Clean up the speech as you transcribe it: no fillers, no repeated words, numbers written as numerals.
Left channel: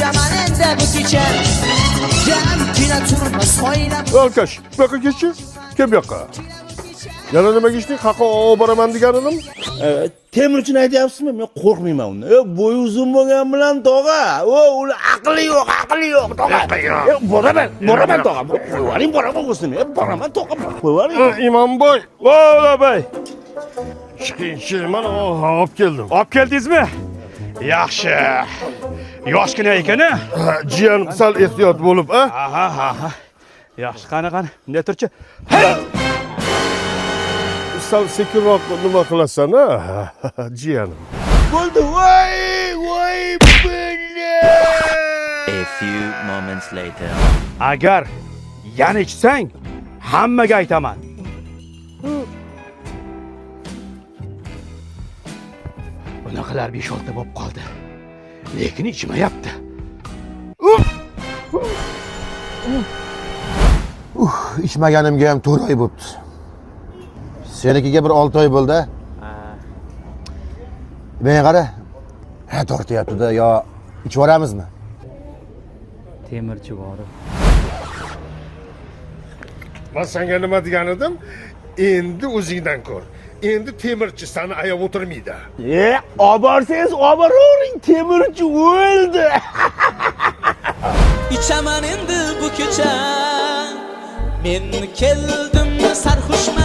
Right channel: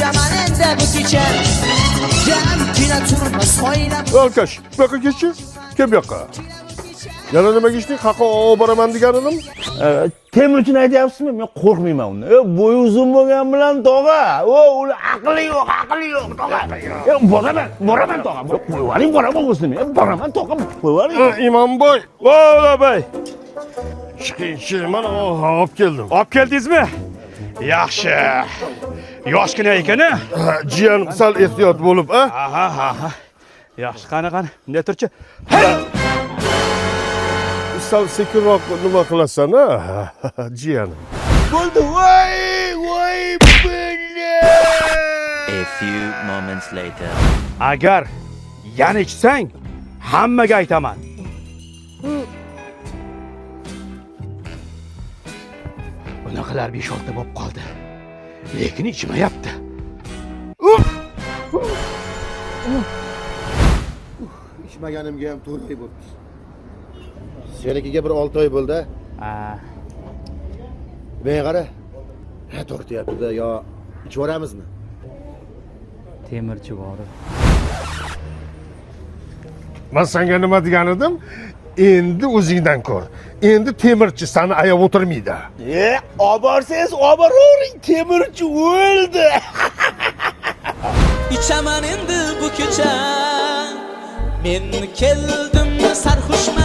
İçaman endi bu kecha Jamgina turmas oylab Alkash, bu yoqqa ketchi. Kim bu yoqqa? Yana nima geçtin? Qaqa boraman deganim? Temirchini aytyapsizmi? Men qo'rqmayman undan. Bo'yi uzun bo'lgan bilan tog'a. Ular aqli yo'q, tog'a. Boraman tog'a. Qo'yvaring, boraman o'zini. Boraman tog'a. Qo'yvaring. İmamboy. Vola bey. Chiqinchi, mana olib keldim. Olib keldingizmi? Yaxshi. Yoshgina ekan-a? Jiyan sal ehtiyot bo'lib, a? Aha. Yaxshi, qani. Bunday turchi. Sal sekinroq nima qilasan, a? Jiyanim. Bo'ldi. Voy, billa. A few moments later. Agar yana ichsang, hammaga aytaman. Bunaqalar 5-6 bo'lib qoldi. Lekin ichmayapti. İchmaganimga ham 4 oy bo'libdi. Senikiga bir 6 oy bo'ldi. Men qara. Tortyapti-da, yo ichib oramizmi? Temirchi bor. Men senga nima degan edim? Endi o'zingdan ko'r. Endi temirchi seni ayab o'tirmaydi. Olib borsangiz, olib boravering. Temirchi o'ldi. İçaman endi bu kecha Men keldim sarxushman